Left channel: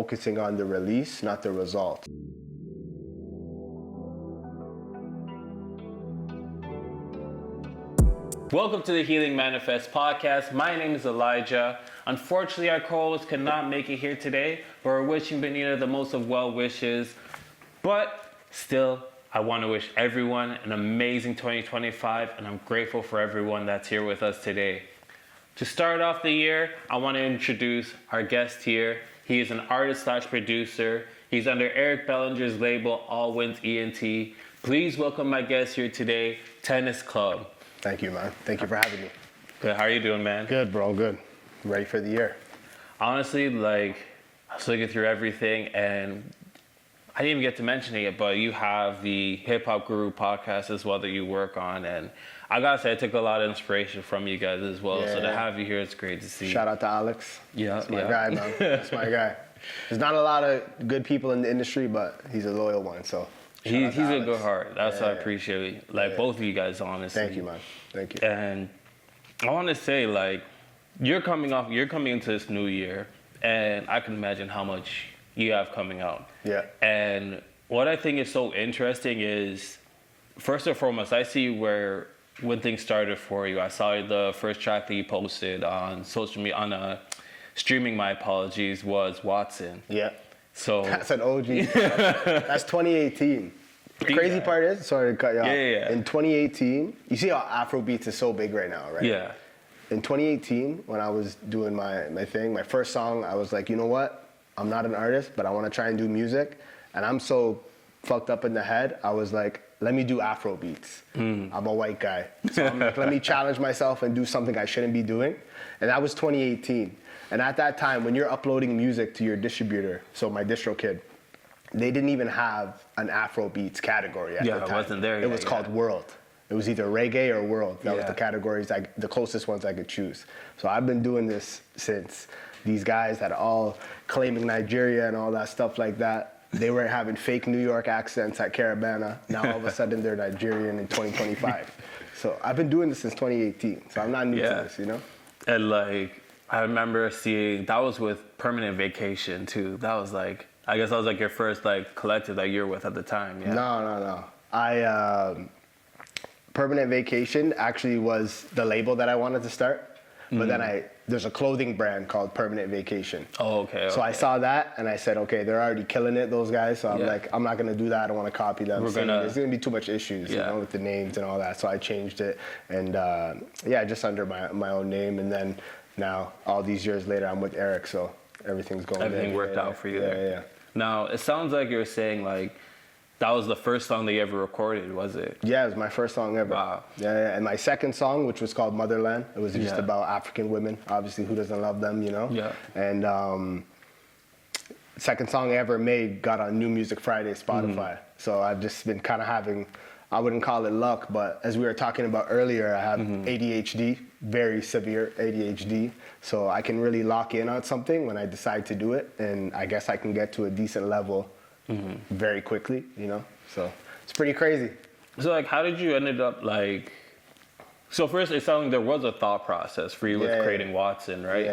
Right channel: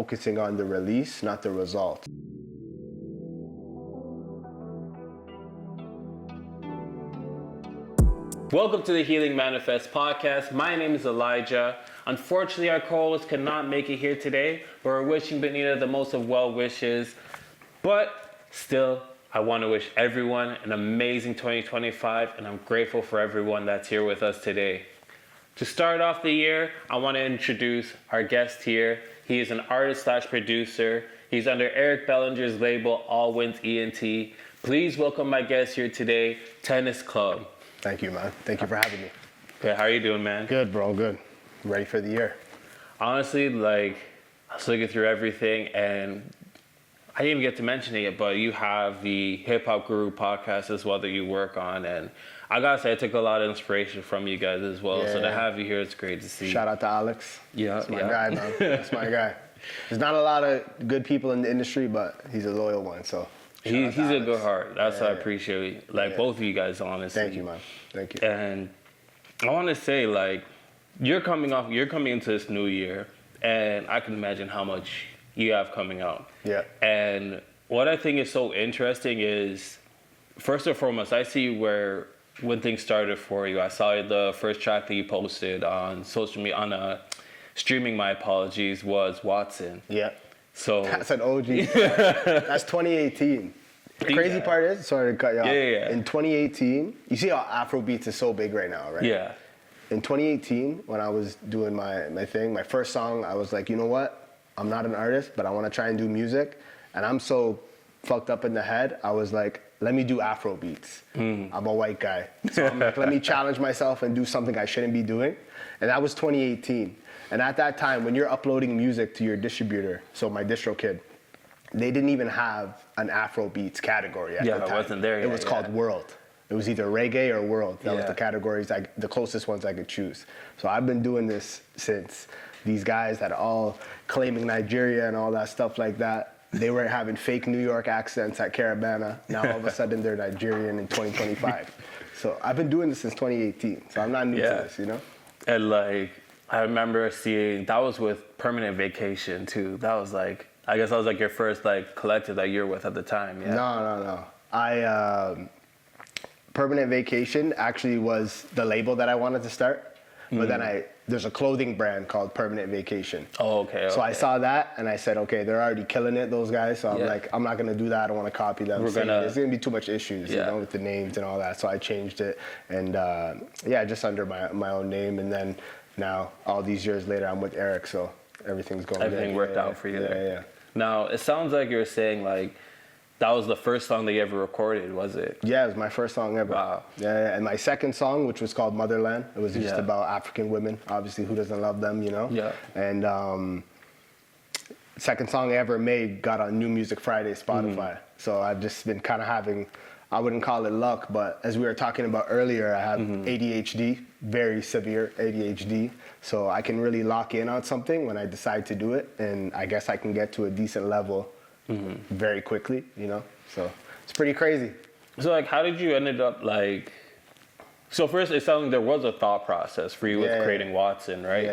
focusing on the release, not the result. Welcome to the Healing Manifest podcast. My name is Elijah. Unfortunately, our co-host could not make it here today, but we're wishing Benita the most of well wishes. But still, I want to wish everyone an amazing 2025, and I'm grateful for everyone that's here with us today. To start off the year, I want to introduce our guest here. He is an artist/producer. He's under Eric Bellinger's label, All Wins ENT. Please welcome my guest here today, TennisxClub. Good. How are you doing, man? Good, bro. Good. Ready for the year. Honestly, I was looking through everything, and I didn't even get to mention it yet, but you have the Hip Hop Guru podcast as well that you work on, and I gotta say, I took a lot of inspiration from you guys as well. So to have you here, it's great to see. Shout out to Alex. Yeah. That's my guy. There's not a lot of good people in the industry, but he's a loyal one. So He's a good heart. That's what I appreciate. Both of you guys, honestly. Thank you. And I want to say, you're coming into this new year, and I can imagine how much you have coming out. Yeah. And what I think is so interesting is, first and foremost, I see when things started for you. I saw the first track that you posted on social media, on streaming, my apologies, was Watson. Yeah. So. That's an OG. That's 2018. The crazy that. part is, sorry to cut you off. Yeah. In 2018, you see how Afrobeats is so big right now, right? Yeah. In 2018, when I was doing my thing, my first song, I was like, you know what? I'm not an artist, but I want to try and do music. And I'm so fucked up in the head, I was like, let me do Afro beats. I'm a white guy. So let me challenge myself and do something I shouldn't be doing. And that was 2018. And at that time, when you're uploading music to your distributor, so my DistroKid, they didn't even have an Afro beats category. Yeah, it wasn't there yet, It was yeah. called World. It was either reggae or world. Yeah. The categories, the closest ones I could choose. So I've been doing this since. These guys that are all claiming Nigeria and all that stuff like that, they were having fake New York accents at Caravana. Now all of a sudden they're Nigerian in 2025. So I've been doing this since 2018. So I'm not new to this, you know? And I remember seeing, that was with Permanent Vacation too. That was I guess that was your first collective that you're with at the time, yeah. No. Permanent Vacation actually was the label that I wanted to start. But then there's a clothing brand called Permanent Vacation. Oh, okay. So I saw that and I said, okay, they're already killing it, those guys. So I'm not going to do that. I don't want to copy them. There's going to be too much issues with the names and all that. So I changed it. And just under my own name. And then now, all these years later, I'm with Eric. So everything's going. Everything worked out for you there. Yeah. Now, it sounds like you were saying that was the first song that you ever recorded, was it? Yeah, it was my first song ever. Wow. Yeah. And my second song, which was called Motherland, it was just about African women. Obviously, who doesn't love them, you know? Yeah. And second song I ever made got on New Music Friday Spotify. So I've just been kind of having, I wouldn't call it luck, but as we were talking about earlier, I have ADHD, very severe ADHD. So I can really lock in on something when I decide to do it, and I guess I can get to a decent level very quickly, you know? So it's pretty crazy. So how did you ended up so first it sounded like there was a thought process for you with creating Watson, right?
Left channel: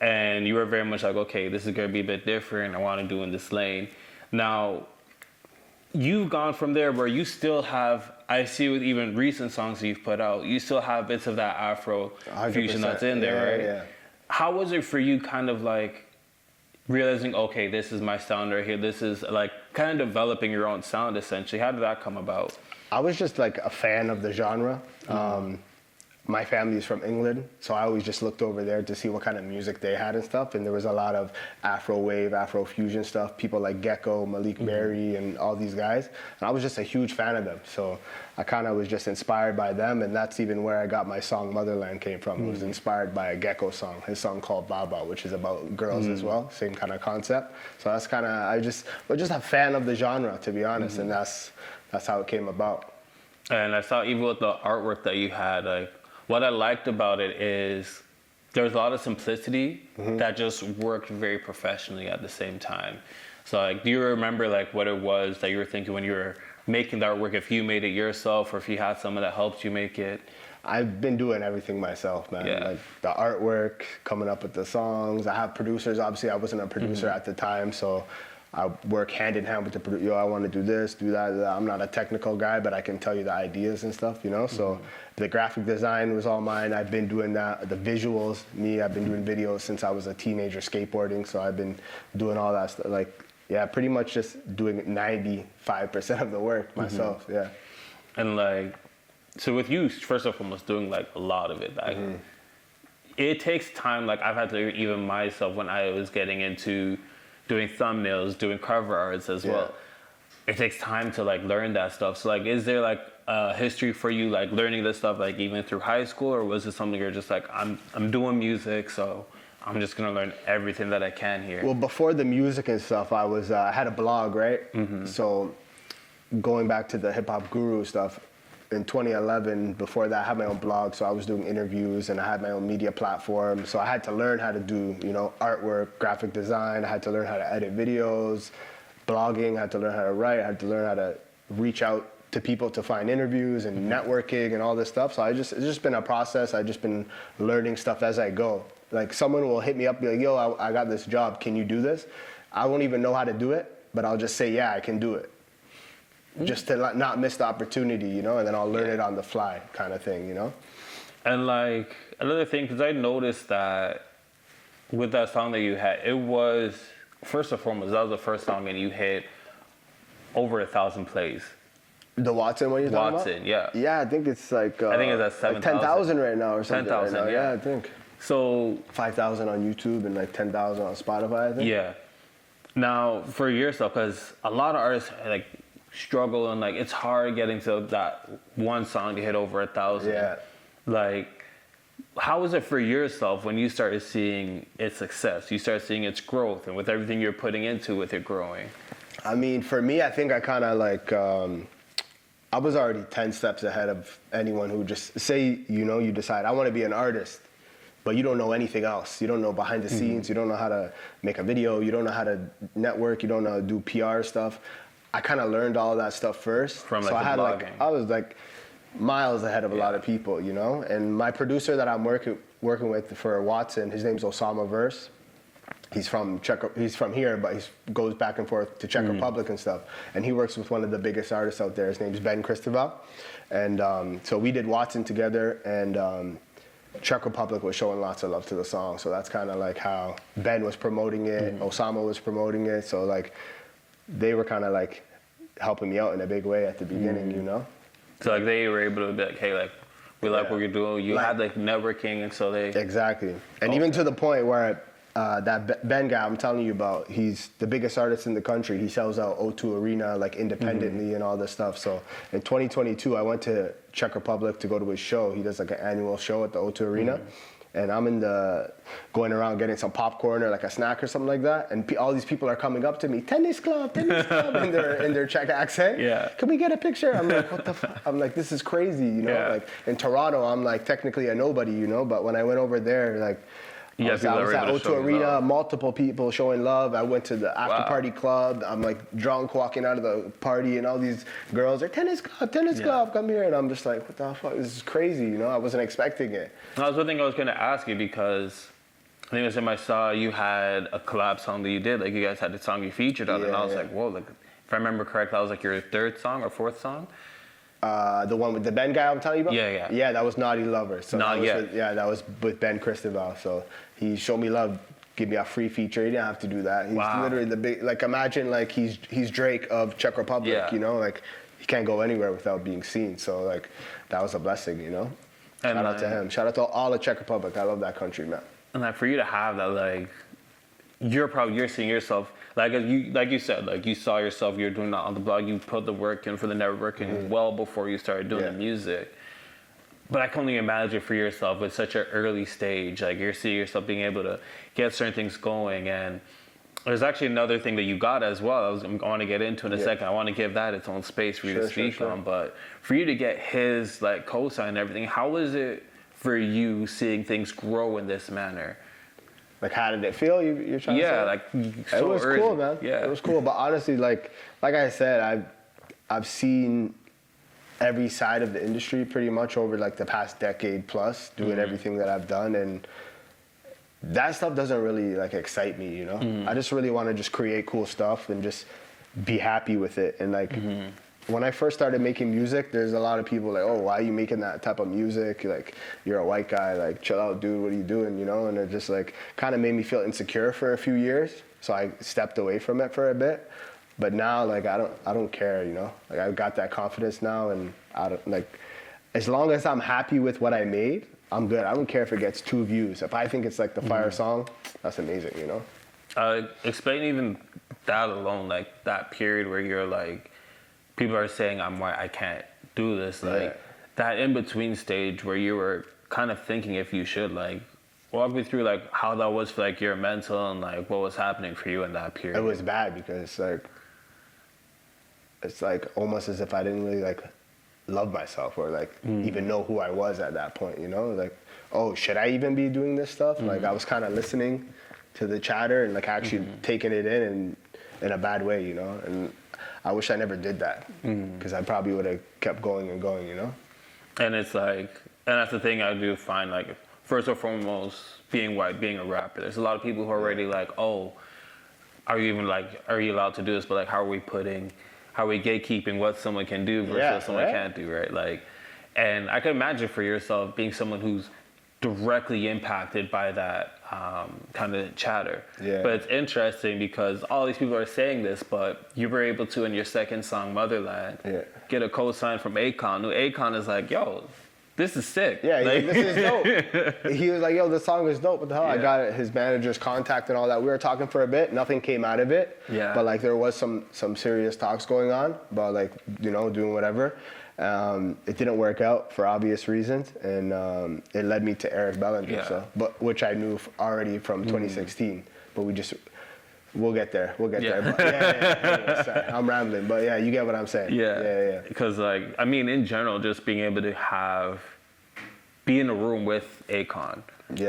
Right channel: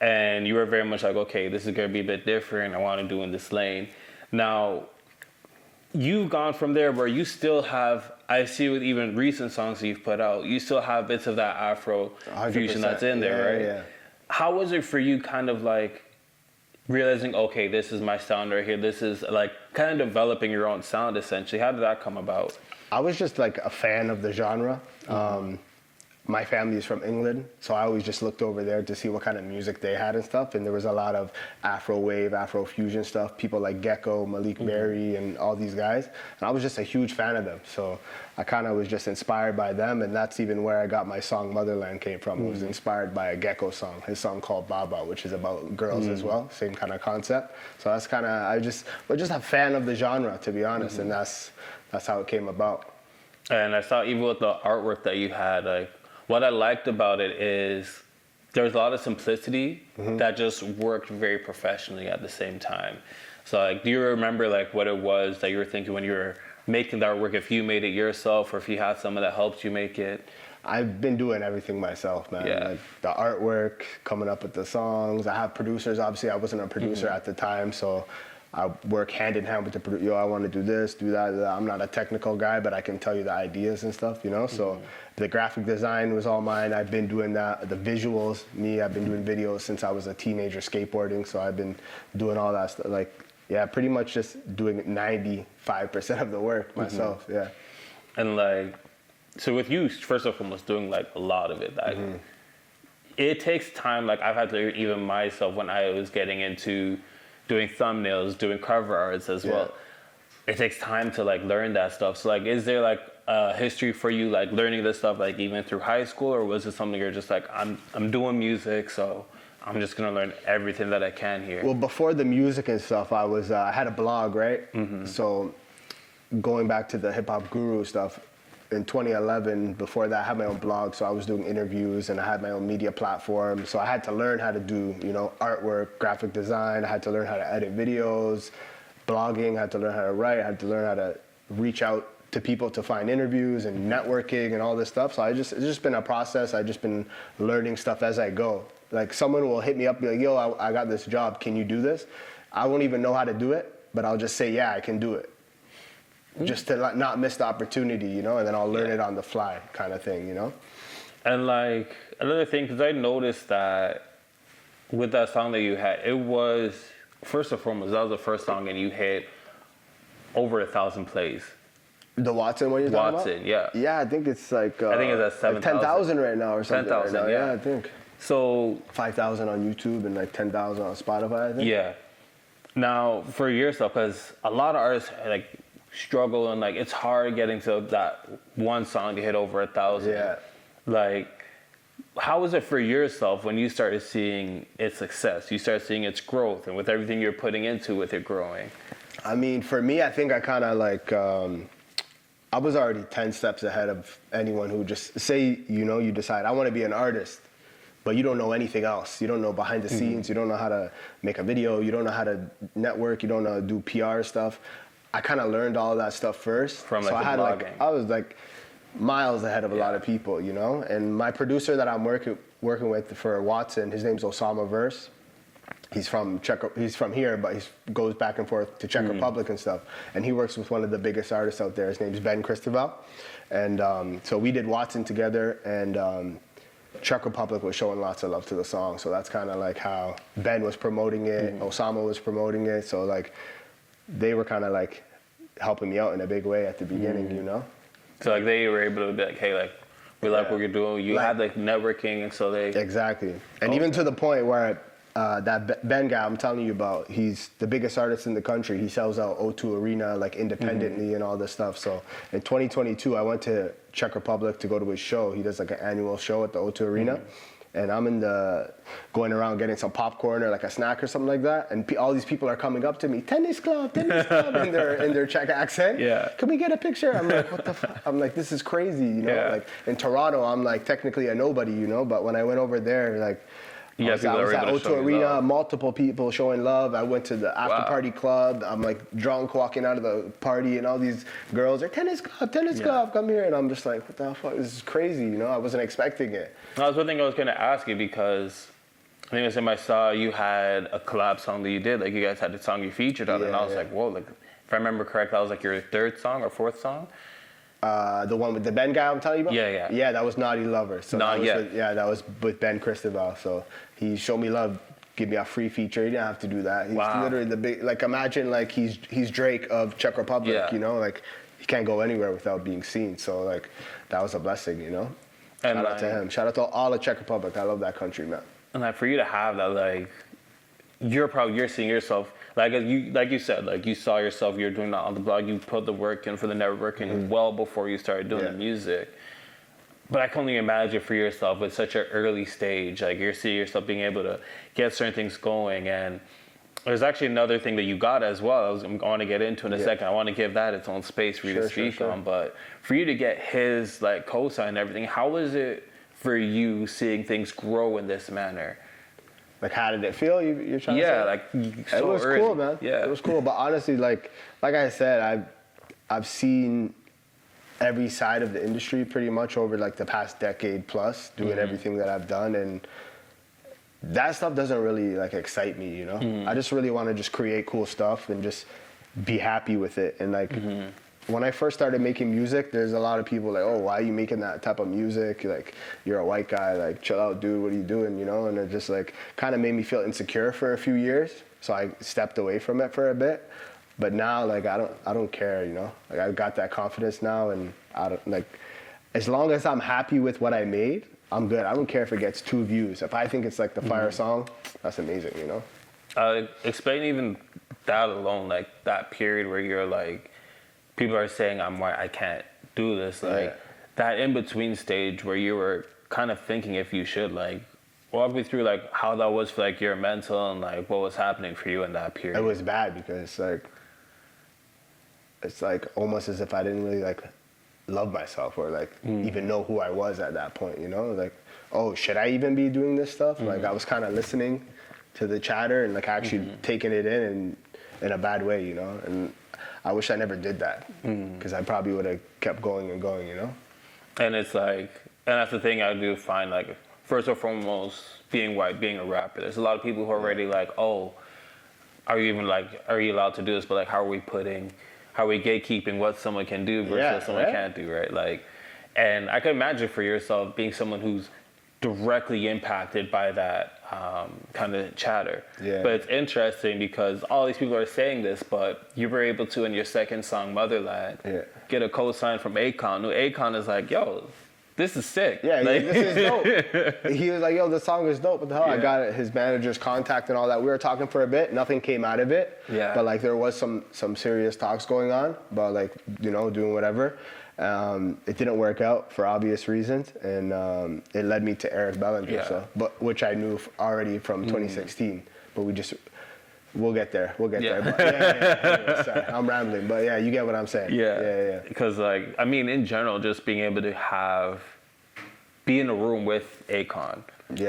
Yeah. And you were very much okay, this is going to be a bit different. I want to do in this lane. Now, you've gone from there where you still have, I see with even recent songs that you've put out, you still have bits of that Afro fusion that's in there, right? Yeah. How was it for you kind of realizing, okay, this is my sound right here. This is kind of developing your own sound essentially. How did that come about? I was just a fan of the genre. My family's from England, so I always just looked over there to see what kind of music they had and stuff. And there was a lot of Afro wave, Afro fusion stuff. People like Gecko, Malik Berry, and all these guys. And I was just a huge fan of them. So I kind of was just inspired by them, and that's even where I got my song Motherland came from. It was inspired by a Gecko song, his song called Baba, which is about girls as well, same kind of concept. So that's kind of, I was just a fan of the genre, to be honest, and that's how it came about. And I saw even with the artwork that you had, what I liked about it is there was a lot of simplicity that just worked very professionally at the same time. So do you remember what it was that you were thinking when you were making the artwork, if you made it yourself or if you had someone that helped you make it? I've been doing everything myself, man. Yeah. The artwork, coming up with the songs. I have producers. Obviously, I wasn't a producer at the time, so I work hand in hand with the producer. Yo, I want to do this, do that, do that. I'm not a technical guy, but I can tell you the ideas and stuff, you know? So the graphic design was all mine. I've been doing that. The visuals, me, I've been doing videos since I was a teenager skateboarding, so I've been doing all that stuff. Like, yeah, pretty much just doing 95% of the work myself, yeah. And like, so with you, first and foremost, doing like a lot of it, like, it takes time. Like, I've had to learn even myself when I was getting into doing thumbnails, doing cover arts as well. It takes time to like learn that stuff. So like, is there like a history for you like learning this stuff like even through high school, or was it something you're just like, I'm doing music, so I'm just gonna learn everything that I can here? Well, before the music and stuff, I had a blog, right? So going back to the hip hop guru stuff, in 2011, before that, I had my own blog, so I was doing interviews and I had my own media platform. So I had to learn how to do, you know, artwork, graphic design. I had to learn how to edit videos, blogging. I had to learn how to write. I had to learn how to reach out to people to find interviews and networking and all this stuff. So it's just been a process. I've just been learning stuff as I go. Like, someone will hit me up and be like, yo, I got this job. Can you do this? I won't even know how to do it, but I'll just say, yeah, I can do it. Just to not miss the opportunity, you know, and then I'll learn it on the fly kind of thing, you know? And like, another thing, because I noticed that with that song that you had, it was, first and foremost, that was the first song and you hit over 1,000 plays. The Watson one? Watson, yeah. Yeah, I think it's like... I think it's at 7,000. 10,000 right now. Or 10,000, yeah. I think. So... 5,000 on YouTube and like 10,000 on Spotify. Yeah. Now, for yourself, because a lot of artists, like, struggle and like it's hard getting to that one song to hit over 1,000. Yeah. Like, how was it for yourself when you started seeing its success? You started seeing its growth, and with everything you're putting into it growing. I mean, for me, I think I kind of like I was already 10 steps ahead of anyone who just say, you know, you decide I want to be an artist, but you don't know anything else. You don't know behind the scenes. You don't know how to make a video. You don't know how to network. You don't know how to do PR stuff. I kind of learned all of that stuff first. From like the blogging. I was like miles ahead of a lot of people, you know? And my producer that I'm working with for Watson, his name's Osama Verse. He's from here, but he goes back and forth to Czech Republic and stuff. And he works with one of the biggest artists out there. His name's Ben Christoval. And so we did Watson together, and Czech Republic was showing lots of love to the song. So that's kind of like how Ben was promoting it, and Osama was promoting it. So like, they were kind of like helping me out in a big way at the beginning, you know? So like they were able to be like, hey, like, we like what you're doing. You had like networking, and so they... Exactly. And even to the point where that Ben guy I'm telling you about, he's the biggest artist in the country. He sells out O2 Arena like independently and all this stuff. So in 2022, I went to Czech Republic to go to his show. He does like an annual show at the O2 Arena. And I'm going around getting some popcorn or like a snack or something like that, and all these people are coming up to me, TennisxClub, in their Czech accent. Yeah. Can we get a picture? I'm like, this is crazy. You know? Yeah. Like, in Toronto, I'm like technically a nobody, you know, but when I went over there, like, you got people that were able to show you love. Multiple people showing love. I went to the after Wow. party club. I'm like drunk walking out of the party, and all these girls are TennisxClub, come here, and I'm just like, what the fuck? This is crazy, you know. I wasn't expecting it. That was one thing I was going to ask you, because I think I saw you had a collab song that you did. Like, you guys had the song you featured on, and I was like, whoa, like, if I remember correct, that was like your third song or fourth song? The one with the Ben guy I'm telling you about? Yeah. Yeah, that was Naughty Lovers. So Not yet. Yeah, that was with Ben Christoval. So he showed me love, give me a free feature. He didn't have to do that. Wow. Like, imagine like he's Drake of Czech Republic. Yeah. You know, like, you can't go anywhere without being seen. So like, that was a blessing, you know. And like, shout out to all the Czech Republic. I love that country, man. And like, for you to have that, like, you're seeing yourself, like you said, like, you saw yourself, you're doing that on the blog, you put the work in for the networking well before you started doing the music. But I can only imagine for yourself at such an early stage, like, you're seeing yourself being able to get certain things going. And there's actually another thing that you got as well, I'm going to get into in a second. I want to give that its own space for you to speak on. But for you to get his, like, cosign and everything, how was it for you seeing things grow in this manner? Like, how did it feel? Yeah, like, so early. Cool, yeah. It was cool, but honestly, like I said, I've seen every side of the industry pretty much over like the past decade plus, doing everything that I've done, and that stuff doesn't really like excite me, you know. I just really want to just create cool stuff and just be happy with it. And like when I first started making music, there's a lot of people like, oh, why are you making that type of music? Like, you're a white guy, like, chill out, dude, what are you doing, you know? And it just like kind of made me feel insecure for a few years, so I stepped away from it for a bit. But now, like, I don't care, you know. Like, I've got that confidence now, and like, as long as I'm happy with what I made, I'm good. I don't care if it gets 2 views. If I think it's like the fire song, that's amazing, you know. Explain even that alone, like that period where you're like, people are saying I'm white, I can't do this, like that in between stage where you were kind of thinking if you should, like, walk me through like how that was for like your mental and like what was happening for you in that period. It was bad because it's like almost as if I didn't really like love myself or like even know who I was at that point, you know, like, oh, should I even be doing this stuff? Like I was kind of listening to the chatter and like actually taking it in a bad way, you know, and I wish I never did that because I probably would have kept going and going, you know. And it's like, and that's the thing I do find, like, first and foremost, being white, being a rapper, there's a lot of people who are already like, oh, are you allowed to do this? But like, how are we gatekeeping what someone can do versus what someone can't do, right? Like, and I can imagine for yourself being someone who's directly impacted by that kind of chatter. Yeah. But it's interesting because all these people are saying this, but you were able to, in your second song, Motherland, get a co-sign from Akon. Akon is like, yo, this is sick. Yeah, like, he was like, yo, the song is dope. I got his manager's contact and all that. We were talking for a bit. Nothing came out of it. Yeah. But like there was some serious talks going on about like, you know, doing whatever. It didn't work out for obvious reasons, and it led me to Eric Bellinger. Yeah. But which I knew already from 2016. But we'll get there. I'm rambling, but yeah, you get what I'm saying. Yeah. Because like, I mean, in general, just being able to be in a room with Akon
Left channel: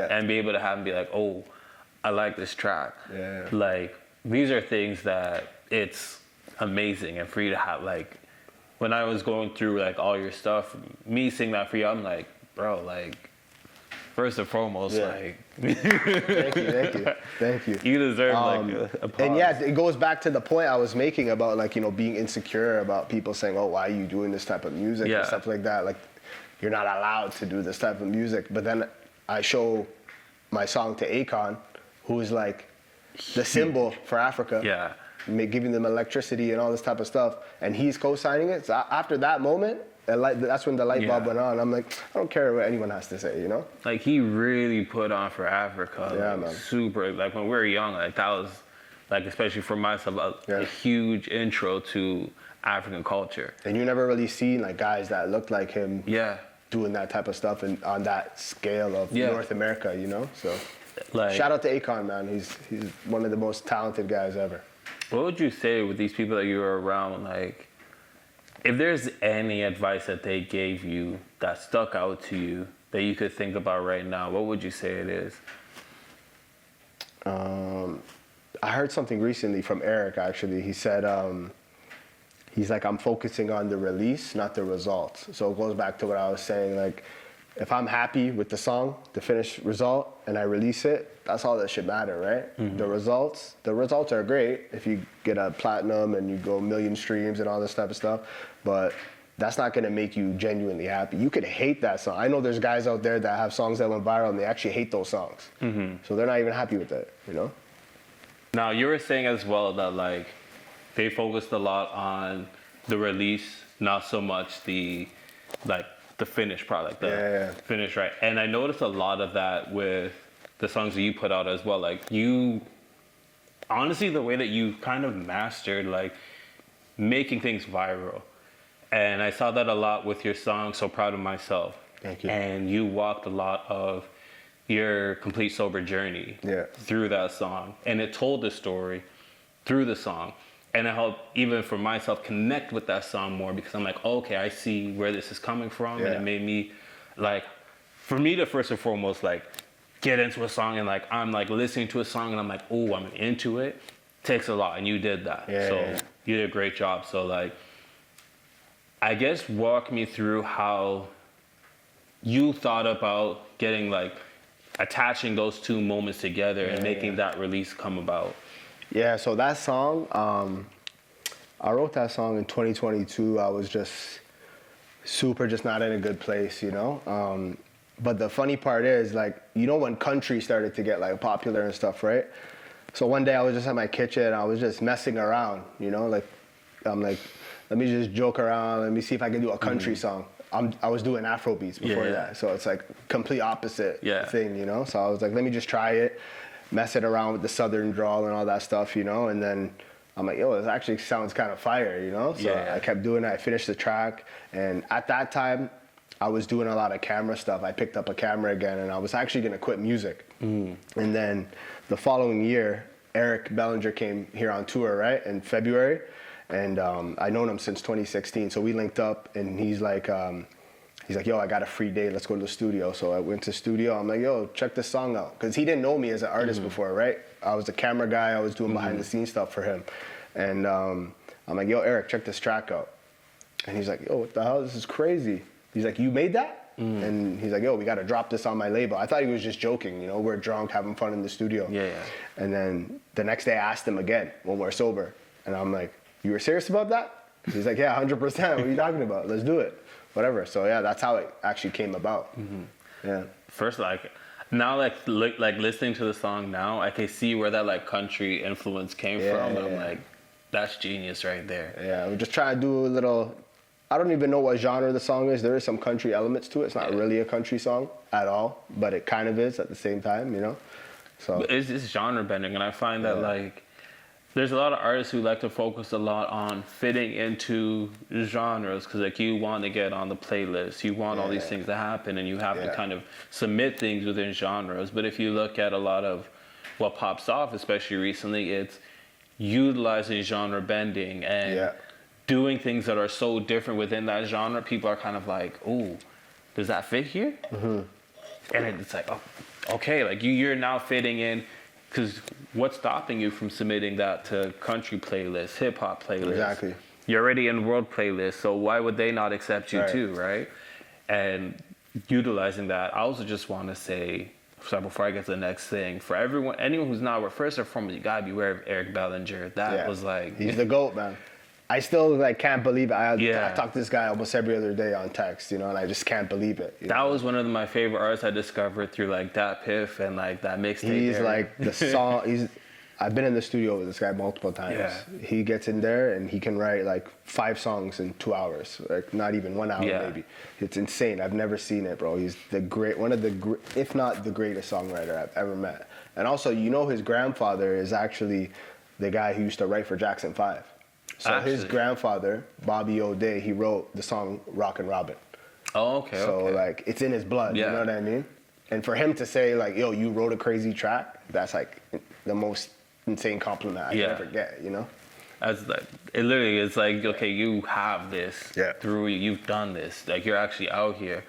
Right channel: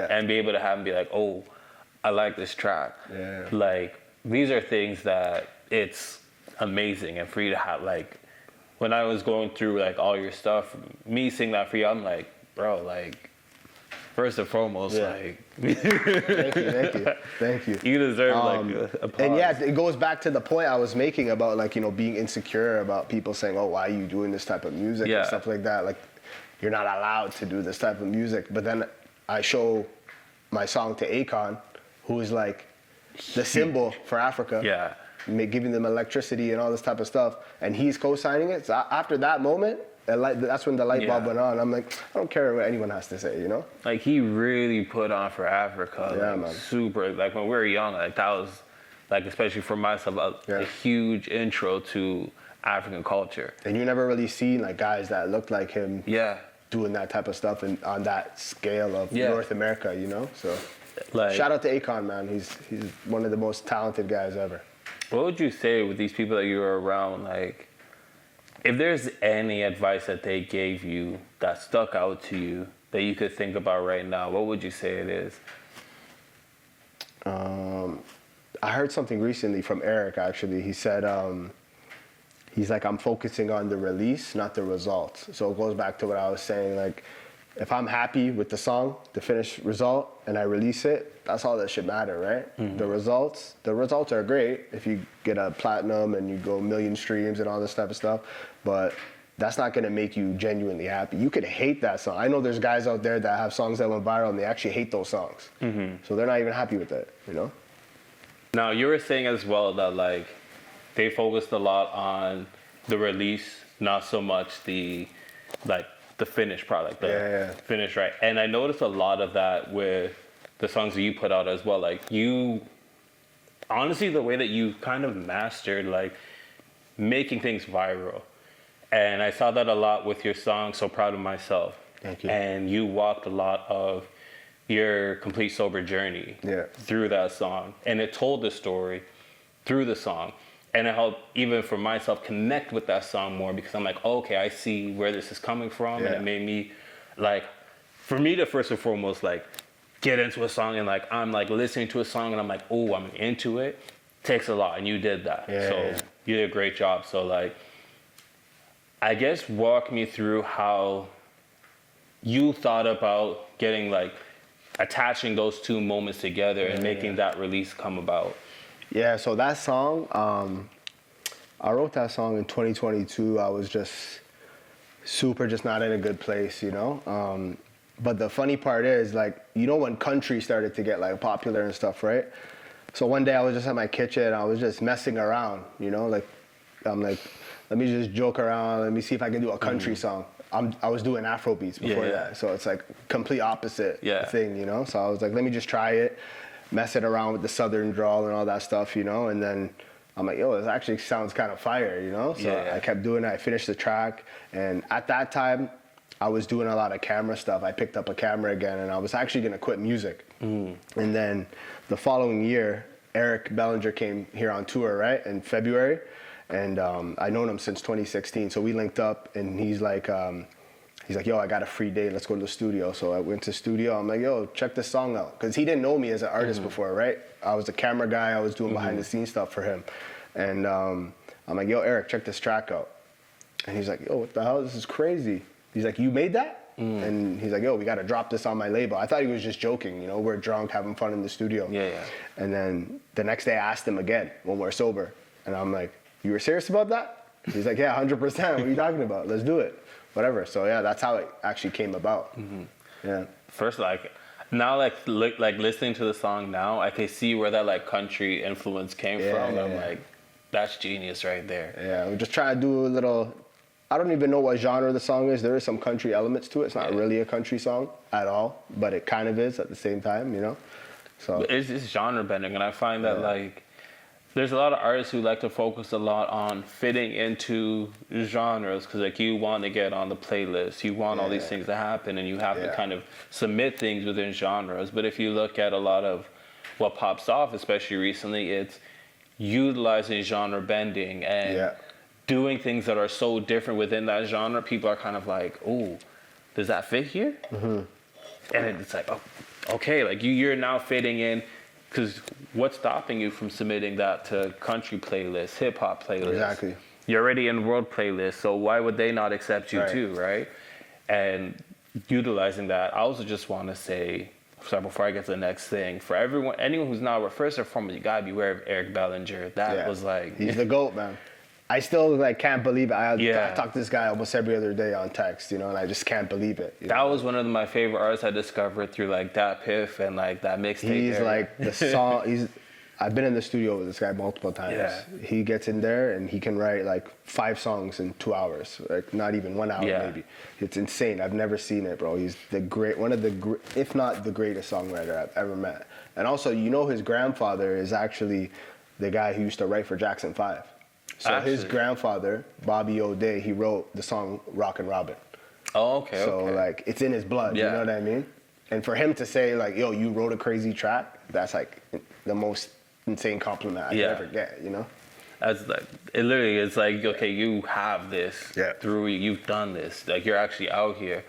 and be able to have him be like, oh, I like this track. Yeah. Like, these are things that it's amazing. And for you to have, like, when I was going through like all your stuff, me seeing that for you, I'm like, bro, like, first and foremost, like, you deserve like applause. Yes, it goes back to the point I was making about like, you know, being insecure about people saying, oh, why are you doing this type of music? And stuff like that. Like, you're not allowed to do this type of music. But then I show my song to Akon, who is like the symbol for Africa. Yeah. And they're giving them electricity and all this type of stuff, and he's co-signing it. So after that moment, that's when the light went on. I'm like, I don't care what anyone has to say, you know. Like, he really put on for Africa, like super. Like when we were young, like that was, like, especially for myself, a huge intro to African culture. And you never really seen like guys that looked like him. Doing that type of stuff and on that scale of North America, you know. So, like, shout out to Akon, man. He's one of the most talented guys ever. What would you say with these people that you were around, like, if there's any advice that they gave you that stuck out to you that you could think about right now, what would you say it is? I heard something recently from Eric, actually. He said, he's like, I'm focusing on the release, not the results. So it goes back to what I was saying, like, if I'm happy with the song, the finished result, and I release it, that's all that should matter, right? The results are great if you get a platinum and you go 1 million streams and all this type of stuff, but that's not going to make you genuinely happy. You could hate that song. I know there's guys out there that have songs that went viral and they actually hate those songs. So they're not even happy with it, you know? Now, you were saying as well that, like, they focused a lot on the release, not so much the finished product, finish, right? And I noticed a lot of that with the songs that you put out as well. Like, you, honestly, the way that you kind of mastered, like, making things viral. And I saw that a lot with your song, So Proud of Myself. And you walked a lot of your complete sober journey through that song. And it told the story through the song. And it helped, even for myself, connect with that song more because I'm like, okay, I see where this is coming from. And it made me, like, for me to first and foremost, like, get into a song and, like, I'm, like, listening to a song and I'm like, oh, I'm into it. Takes a lot. And you did that. So you did a great job. So, like, I guess walk me through how you thought about getting, like, attaching those two moments together and making that release come about? Yeah, so that song, I wrote that song in 2022. I was just just not in a good place, you know? But the funny part is, like, you know when country started to get, like, popular and stuff, right? So one day I was just in my kitchen, I was just messing around, you know? Like, I'm like, let me just joke around, let me see if I can do a country song. I was doing Afro beats before, Yeah. so it's like complete opposite Yeah. thing, you know? So I was like, let me just try it, mess it around with the southern drawl and all that stuff, you know? And then I'm like, yo, this actually sounds kind of fire, you know? So Yeah. I kept doing it, I finished the track, and at that time, I was doing a lot of camera stuff. I picked up a camera again, and I was actually going to quit music. And then the following year, Eric Bellinger came here on tour, right, in February. And I known him since 2016, so we linked up, and he's like, yo, I got a free day, let's go to the studio. So I went to the studio, I'm like, yo, check this song out. Because he didn't know me as an artist before, right? I was the camera guy, I was doing behind the scenes stuff for him. And I'm like, yo, Eric, check this track out. And he's like, yo, what the hell, this is crazy. He's like, you made that? And he's like, yo, we got to drop this on my label. I thought he was just joking, you know, we're drunk, having fun in the studio. Yeah. And then the next day I asked him again, when we're sober. And I'm like, you were serious about that? He's like, yeah, 100%. What are you talking about? Let's do it. Whatever. So yeah, that's how it actually came about. Yeah. First, like, now, like listening to the song now, I can see where that, like, country influence came from. And I'm like, that's genius right there. Yeah, I'm just trying to do a little, I don't even know what genre the song is. There is some country elements to it. It's not really a country song at all, but it kind of is at the same time, you know? So. But it's genre bending, and I find that, like, there's a lot of artists who like to focus a lot on fitting into genres because, like, you want to get on the playlist, you want all these things to happen, and you have to kind of submit things within genres. But if you look at a lot of what pops off, especially recently, it's utilizing genre bending and doing things that are so different within that genre. People are kind of like, oh, does that fit here? And it's like, oh, okay, like you're now fitting in. Because what's stopping you from submitting that to country playlists, hip-hop playlists? Exactly. You're already in world playlists, so why would they not accept you too, right? And utilizing that, I also just want to say, sorry, before I get to the next thing, for anyone who's not aware, first and foremost, you gotta be aware of Eric Bellinger. That was like... He's the GOAT, man. I still can't believe it. I talk to this guy almost every other day on text, you know, and I just can't believe it. That was one of my favorite artists I discovered through, like, that Piff and, like, that mixtape era. Like, I've been in the studio with this guy multiple times. Yeah. He gets in there and he can write, like, 5 songs in 2 hours, right? Not even 1 hour. Yeah. Maybe. It's insane. I've never seen it, bro. He's one of the, if not the greatest songwriter I've ever met. And also, you know, his grandfather is actually the guy who used to write for Jackson 5. So Actually. his grandfather, Bobby O'Day, he wrote the song Rockin' Robin. Oh, okay, So, okay. like, it's in his blood, Yeah. you know what I mean? And for him to say, like, yo, you wrote a crazy track, that's, like, the most insane compliment I ever get, you know? As like, it literally is like, okay, you have this through you, you've done this, like, you're actually out here.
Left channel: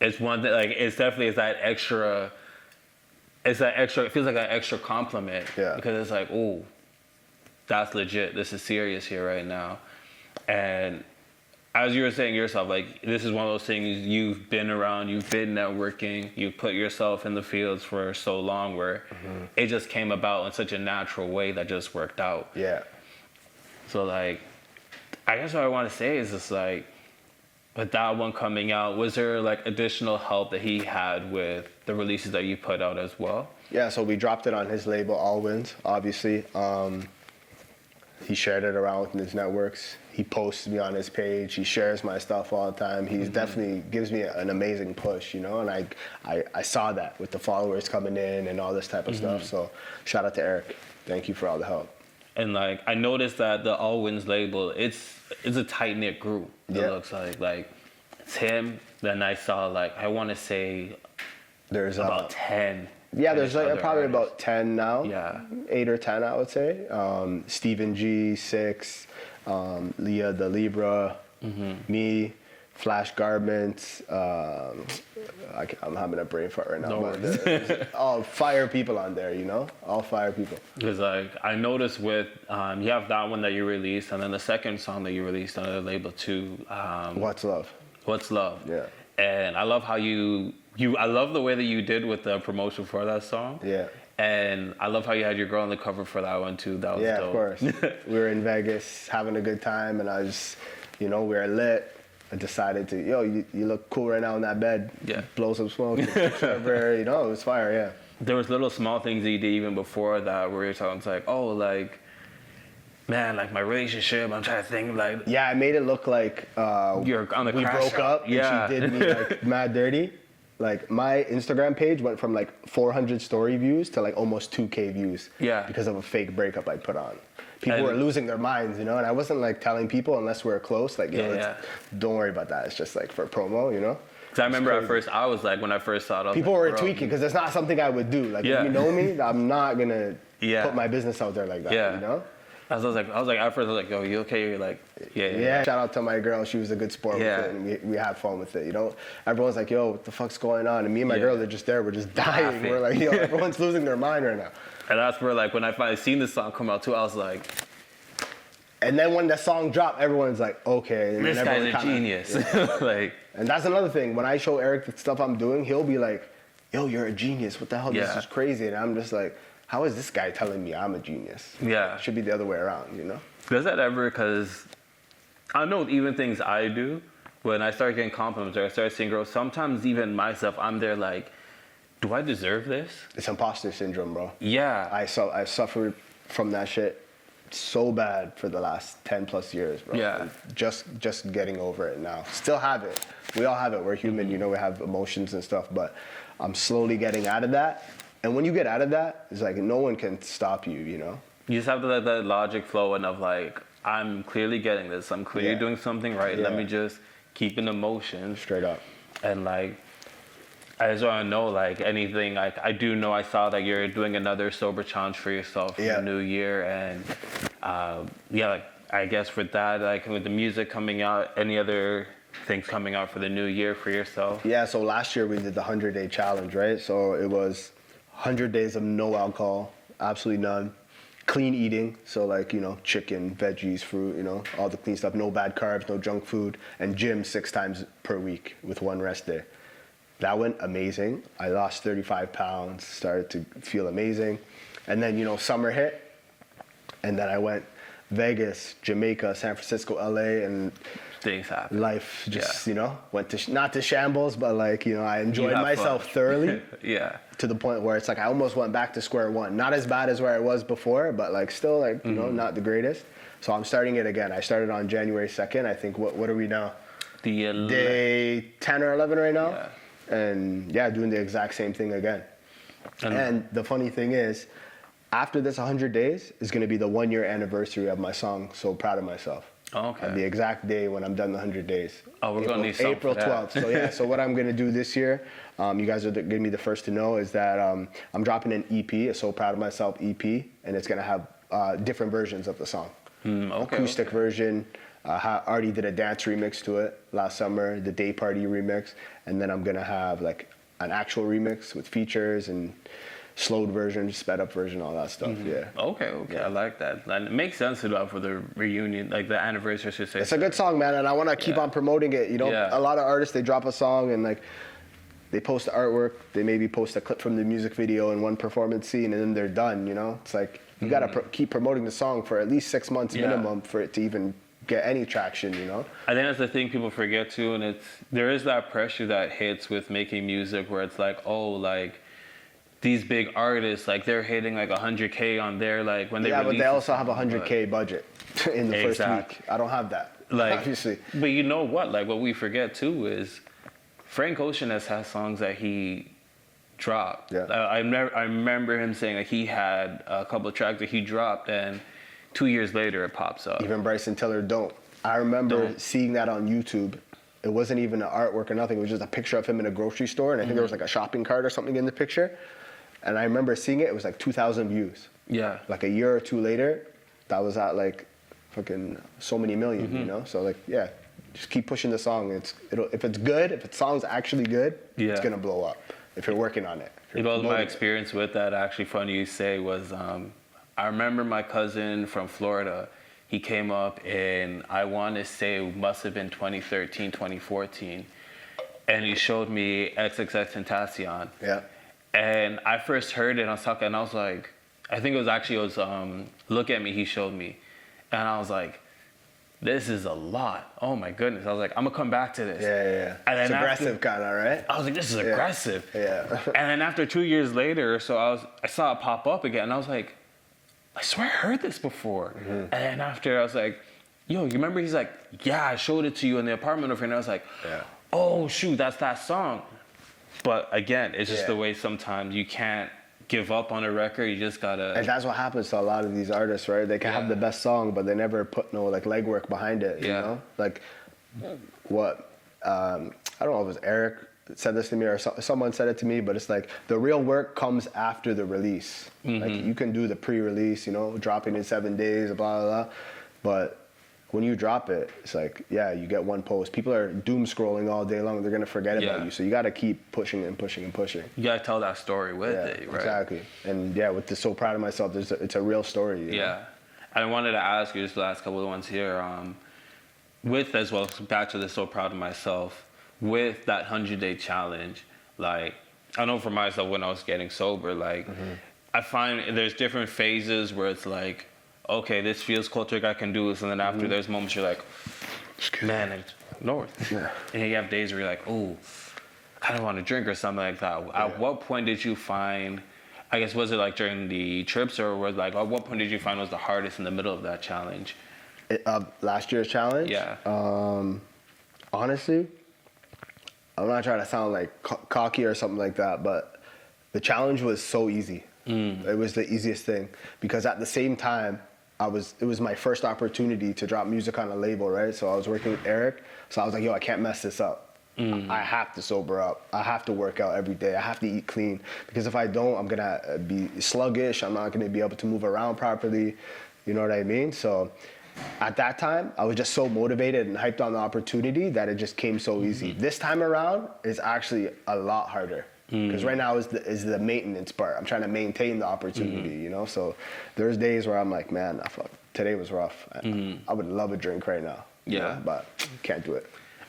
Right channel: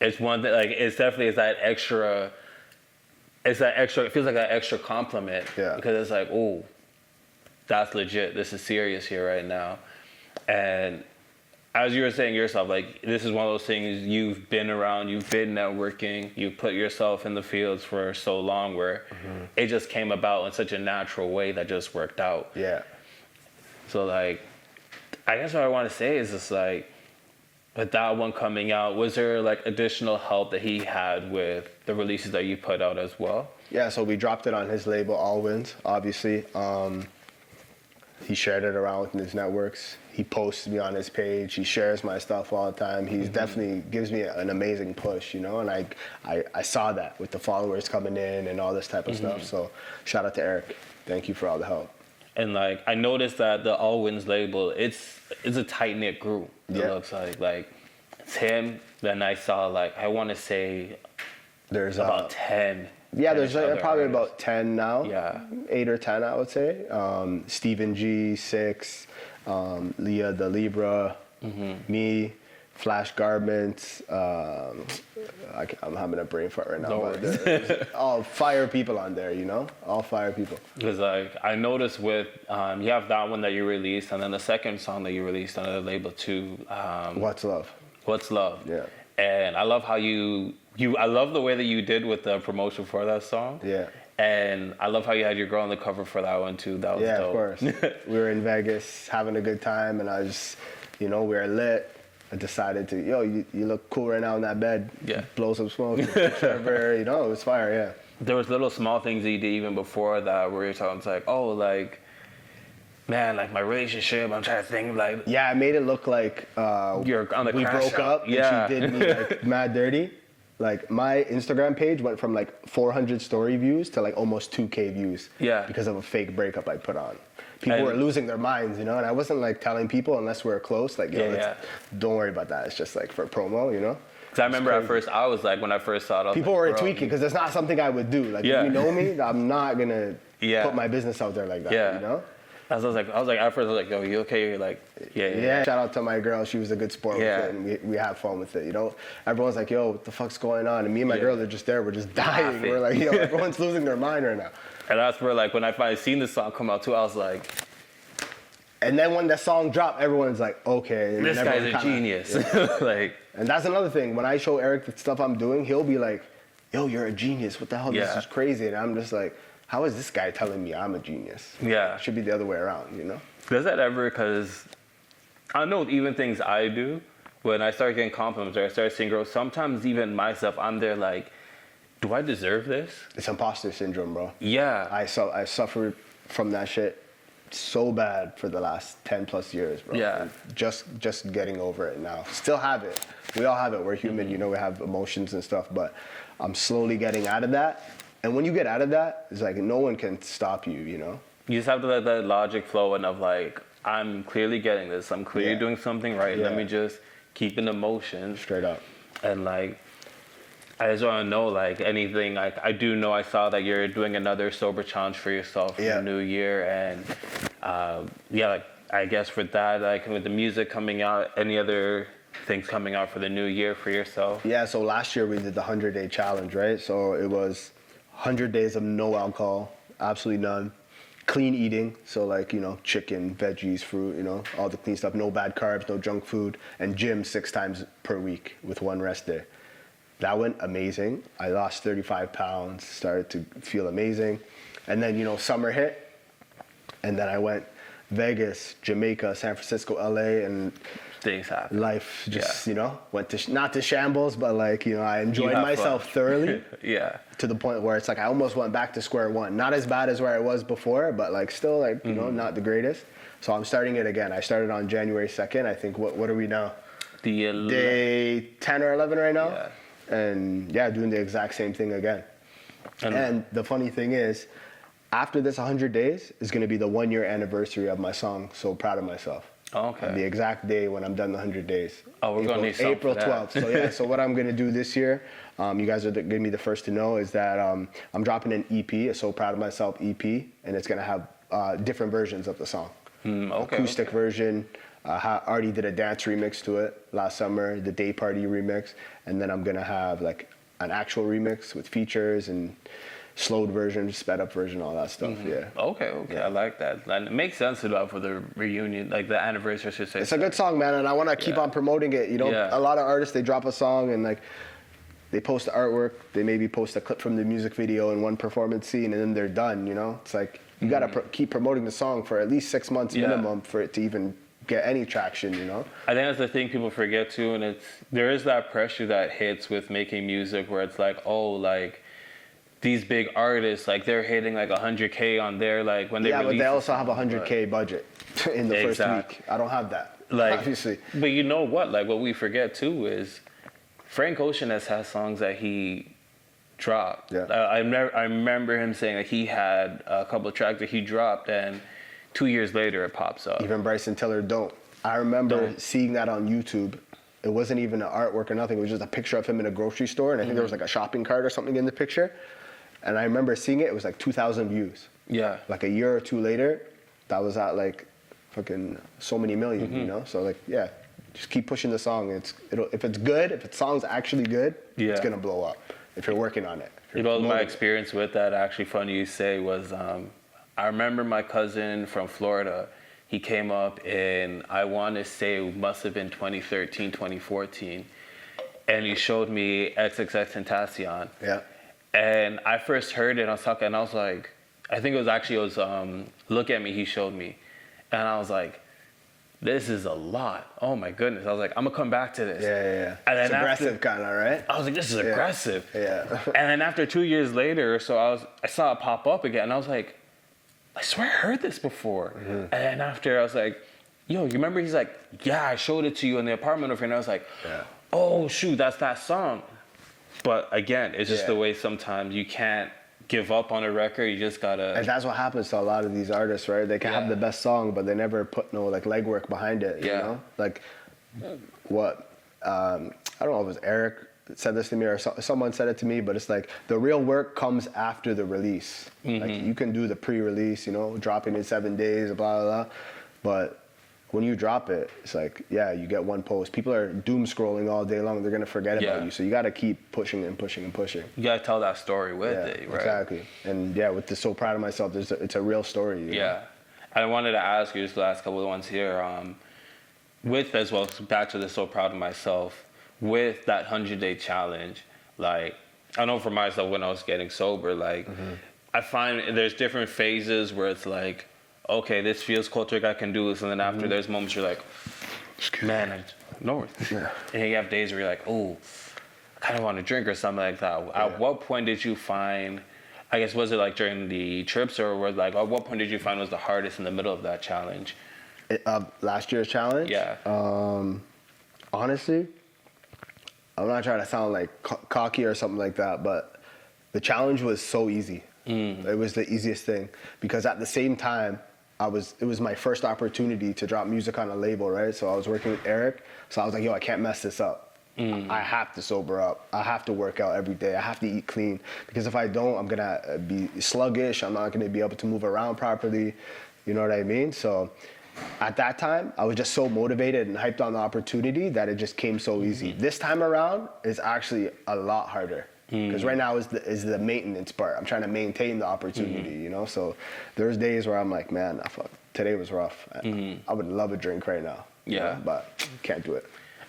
It's one that, like, it's definitely that extra, it feels like an extra compliment because it's like, oh, that's legit, this is serious here right now. And as you were saying yourself, like, this is one of those things you've been around, you've been networking, you've put yourself in the fields for so long where it just came about in such a natural way that just worked out. Yeah. So, like, I guess what I want to say is just, like, with that one coming out, was there, like, additional help that he had with the releases that you put out as well? Yeah, so we dropped it on his label, All Wins, obviously. He shared it around with his networks. He posts me on his page. He shares my stuff all the time. He definitely gives me an amazing push, you know, and I saw that with the followers coming in and all this type of stuff. So shout out to Eric. Thank you for all the help. And, like, I noticed that the All Wins label, it's a tight-knit group, it looks like. Like, it's him, then I saw, like, I want to say there's about 10-ish other artists. About 10 now. Yeah. 8 or 10, I would say. Stephen G, 6, Leah the Libra, me, Flash Garments. I'm having a brain fart right now. No worries. All fire people on there, you know? All fire people. Because, like, I noticed with, you have that one that you released, and then the second song that you released on the label too. What's Love? What's Love? Yeah. And I love how I love the way that you did with the promotion for that song. Yeah. And I love how you had your girl on the cover for that one too. That was dope. Of course. We were in Vegas having a good time, and I just, we were lit. I decided to, you look cool right now in that bed. Yeah. Blow some smoke. It was fire, yeah. There was little small things that you did even before that where you're talking, it's like, oh, like, man, like my relationship, I'm trying to think, like. Yeah, I made it look like. You're on the crash out. Up, Yeah. Mad dirty. Like, my Instagram page went from like 400 story views to like almost 2K views. Yeah. Because of a fake breakup I put on. People And- were losing their minds, and I wasn't like telling people unless we were close. Like, Yeah. don't worry about that. It's just like for promo, Because I remember at first, I was like, when I first saw it, I was People like, were bro, tweaking because it's not something I would do. Like, Yeah. I'm not gonna Yeah. put my business out there like that. Yeah. I was like, at first, I was like, yo, you okay? You're like, yeah. Shout out to my girl. She was a good sport. Yeah. And we had fun with it. Everyone's like, yo, what the fuck's going on? And me and my Yeah. girl are just there. We're just Laughing. We're like, yo, everyone's losing their mind right now. And that's where, like, when I finally seen this song come out too, I was like, And then when the song dropped, everyone's like, okay. this guy's a genius. Like, And that's another thing. When I show Eric the stuff I'm doing, he'll be like, yo, you're a genius. What the hell? Yeah. This is crazy. And I'm just like, how is this guy telling me I'm a genius? yeah. It should be the other way around, Does that ever, because I know even things I do, when I start getting compliments or I start seeing girls, sometimes even myself, I'm there like, do I deserve this? It's imposter syndrome, bro. Yeah. I suffered from that shit so bad for the last 10 plus years, bro. Yeah. Just getting over it now. Still have it. We all have it. We're human. We have emotions and stuff, but I'm slowly getting out of that. And when you get out of that, it's like no one can stop you, You just have to let that logic flow in of like, I'm clearly getting this. I'm clearly doing something right. Let me just keep in the motions. Straight up. And like, I just want to know, like, anything. Like, I do know I saw that you're doing another sober challenge for yourself for the new year. And like, I guess with that, like, with the music coming out, any other things coming out for the new year for yourself? Yeah, so last year we did the 100-day challenge, right? So it was 100 days of no alcohol, absolutely none. Clean eating, so like, chicken, veggies, fruit, all the clean stuff. No bad carbs, no junk food, and gym 6 times per week with 1 rest day. That went amazing. I lost 35 pounds, started to feel amazing. And then, summer hit, and then I went Vegas, Jamaica, San Francisco, LA, and Things happen. life just, went to, not to shambles, but like, I enjoyed myself thoroughly. Yeah. To the point where it's like I almost went back to square one. Not as bad as where I was before, but like still like not the greatest. So I'm starting it again. I started on January 2nd. I think, what are we now? Day 10 or 11 right now? Yeah. And doing the exact same thing again. And And the funny thing is, after this 100 days is going to be the 1-year anniversary of my song, So Proud of Myself. okay. The exact day when I'm done the 100 days. Oh, we're gonna need something for April that. 12th. So what I'm going to do this year, you guys are going to be the first to know, is that I'm dropping an EP, a So Proud of Myself EP, and it's going to have different versions of the song. Okay. Acoustic version. I already did a dance remix to it last summer, the day party remix, and then I'm going to have like an actual remix with features and slowed version, sped up version, all that stuff. Yeah. Okay. I like that. And it makes sense to do that for the reunion, like the anniversary, I should say. It's a good song, man, and I want to keep on promoting it. Yeah. A lot of artists, they drop a song and like they post the artwork, they maybe post a clip from the music video in one performance scene, and then they're done. It's like you gotta keep promoting the song for at least 6 months minimum for it to even get any traction. I think that's the thing people forget too, and there is that pressure that hits with making music where it's like, oh, like these big artists, like they're hitting like 100K on their, like when they release a song, but 100K budget. exactly. I don't have that. Like, obviously. but you know what? Like what we forget too is Frank Ocean has songs that he dropped. Yeah. I remember him saying that he had a couple of tracks that he dropped, and 2 years later it pops up. Even Bryson Tiller, I remember seeing that on YouTube. It wasn't even an artwork or nothing. It was just a picture of him in a grocery store, and there was like a shopping cart or something in the picture. And I remember seeing it. It was like 2,000 views. Yeah. Like a year or two later, that was at like fucking so many million. So like, just keep pushing the song. If it's good, if the song's actually good, it's gonna blow up. If you're working on it. My experience with that, actually funny you say, was I remember my cousin from Florida. He came up in, I want to say it must have been 2013, 2014. and he showed me XXX Tentacion. Yeah. And I first heard it, and I was talking, and I was like, I think it was Look At Me, he showed me. And I was like, this is a lot. Oh my goodness. I was like, I'm gonna come back to this. Yeah. And then after, Kinda, right? I was like, this is aggressive. Yeah. And then after 2 years later, so I saw it pop up again, and I was like, I swear I heard this before. And then after, I was like, yo, you remember? He's like, yeah, I showed it to you in the apartment over here. And I was like, oh shoot, that's that song. But again, it's just the way sometimes you can't give up on a record. You just gotta. And that's what happens to a lot of these artists, right? They can have the best song, but they never put no like legwork behind it. Yeah. You know? Like what? I don't know. If Eric said this to me or someone said it to me, but it's like the real work comes after the release. Mm-hmm. Like, you can do the pre-release, you know, dropping in 7 days, blah blah blah. But when you drop it, it's like, yeah, you get one post. People are doom scrolling all day long. They're gonna forget it. So you gotta keep pushing and pushing and pushing. You gotta tell that story with it, right? Exactly. And yeah, we're just so proud of myself. It's a real story. Yeah. I wanted to ask you just the last couple of ones here. With as well, back to the so proud of myself. With that 100-day challenge, like I know for myself when I was getting sober, like I find there's different phases where it's like, okay, this feels cool, trick, I can do this. And then after there's moments you're like, man, north. And then you have days where you're like, oh, I kind of want to drink or something like that. At what point did you find, I guess, was it like during the trips or was like, at what point did you find was the hardest in the middle of that challenge? Last year's challenge? Yeah. Honestly, I'm not trying to sound like cocky or something like that, but the challenge was so easy. It was the easiest thing because at the same time, it was my first opportunity to drop music on a label, right? So I was working with Eric, so I was like, yo, I can't mess this up. I have to sober up. I have to work out every day. I have to eat clean because if I don't, I'm gonna be sluggish. I'm not gonna be able to move around properly. You know what I mean? So at that time, I was just so motivated and hyped on the opportunity that it just came so easy. This time around is actually a lot harder. Because right now is the maintenance part. I'm trying to maintain the opportunity, you know? So there's days where I'm like, man, fuck, today was rough. I would love a drink right now. Yeah. But can't do it.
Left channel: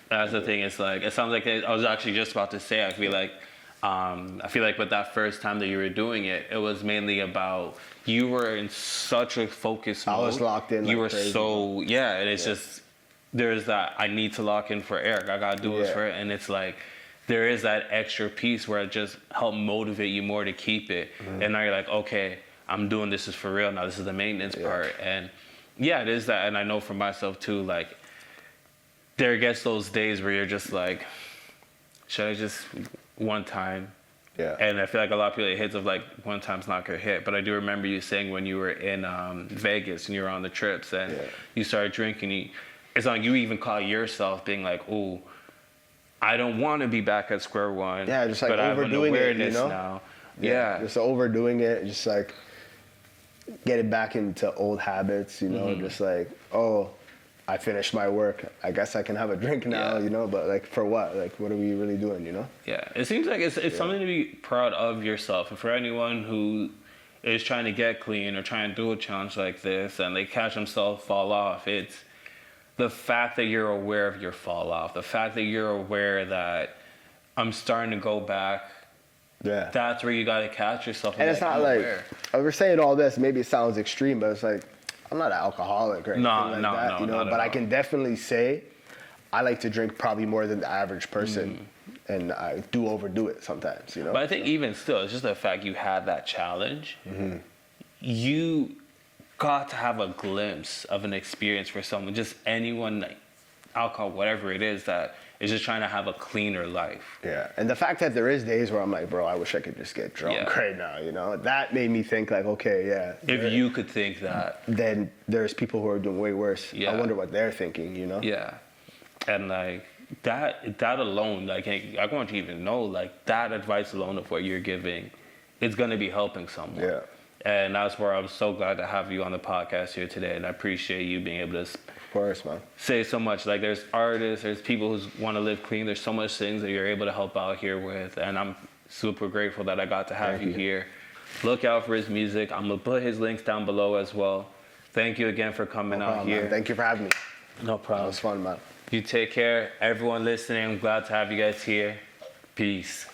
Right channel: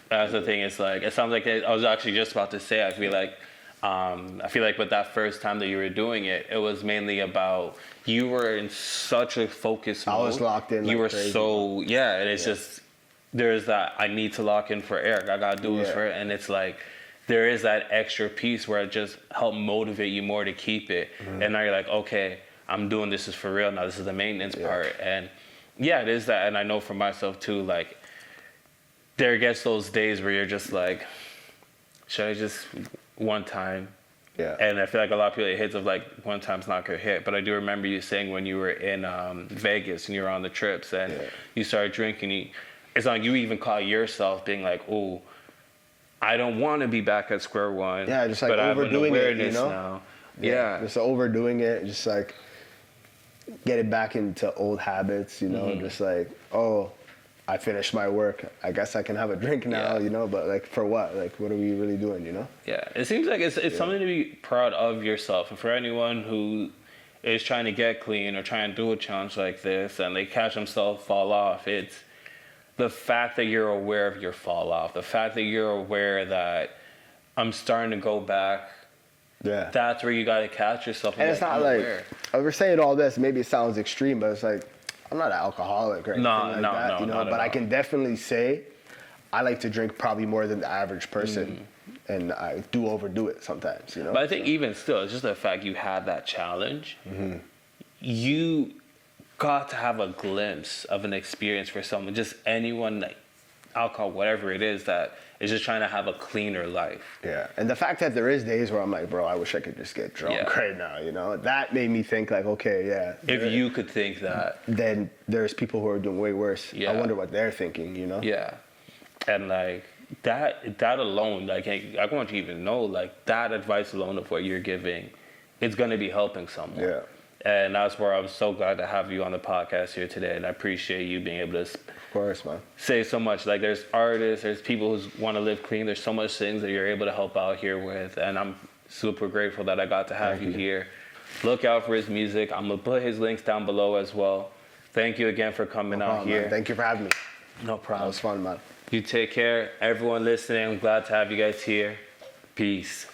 That's the thing. It's like, it sounds like I was actually just about to say, I feel like with that first time that you were doing it, it was mainly about you were in such a focus mode. You were so, yeah, and it's just, there's that, I need to lock in for Eric. I got to do this for it. And it's like, there is that extra piece where it just helped motivate you more to keep it. And now you're like, okay, I'm doing this is for real. Now this is the maintenance part. And yeah, it is that. And I know for myself too, like, there gets those days where you're just like, should I just one time? Yeah. And I feel like a lot of people, it hits of like one time's not gonna hit. But I do remember you saying when you were in Vegas and you were on the trips and you started drinking, it's like you even caught yourself being like, oh, I don't want to be back at square one, but I have an awareness now. Yeah. Just overdoing it, just like getting back into old habits, you know, just like, oh, I finished my work. I guess I can have a drink now, you know, but like for what? Like what are we really doing, you know? Yeah, it seems like it's something to be proud of yourself. And for anyone who is trying to get clean or trying to do a challenge like this and they catch themselves fall off, it's the fact that you're aware of your fall off, the fact that you're aware that I'm starting to go back, that's where you got to catch yourself and be like, I'm aware. We're saying all this, maybe it sounds extreme, but it's like, I'm not an alcoholic. No, not at all. I can definitely say I like to drink probably more than the average person, and I do overdo it sometimes. You know? But I think even still, it's just the fact you had that challenge. You got to have a glimpse of an experience for someone, just anyone, like alcohol, whatever it is, that is just trying to have a cleaner life. Yeah, and the fact that there is days where I'm like, bro, I wish I could just get drunk right now, you know? That made me think like, okay, if you could think that, then there's people who are doing way worse. Yeah. I wonder what they're thinking, you know? Yeah. And like that alone, like I want you to even know, like that advice alone of what you're giving, it's gonna be helping someone. Yeah. And that's where I'm so glad to have you on the podcast here today. And I appreciate you being able to say so much. Like there's artists, there's people who want to live clean. There's so much things that you're able to help out here with. And I'm super grateful that I got to have you here. Look out for his music. I'm going to put his links down below as well. Thank you again for coming out here. Thank you for having me. No problem. It's fun, man. You take care. Everyone listening, I'm glad to have you guys here. Peace.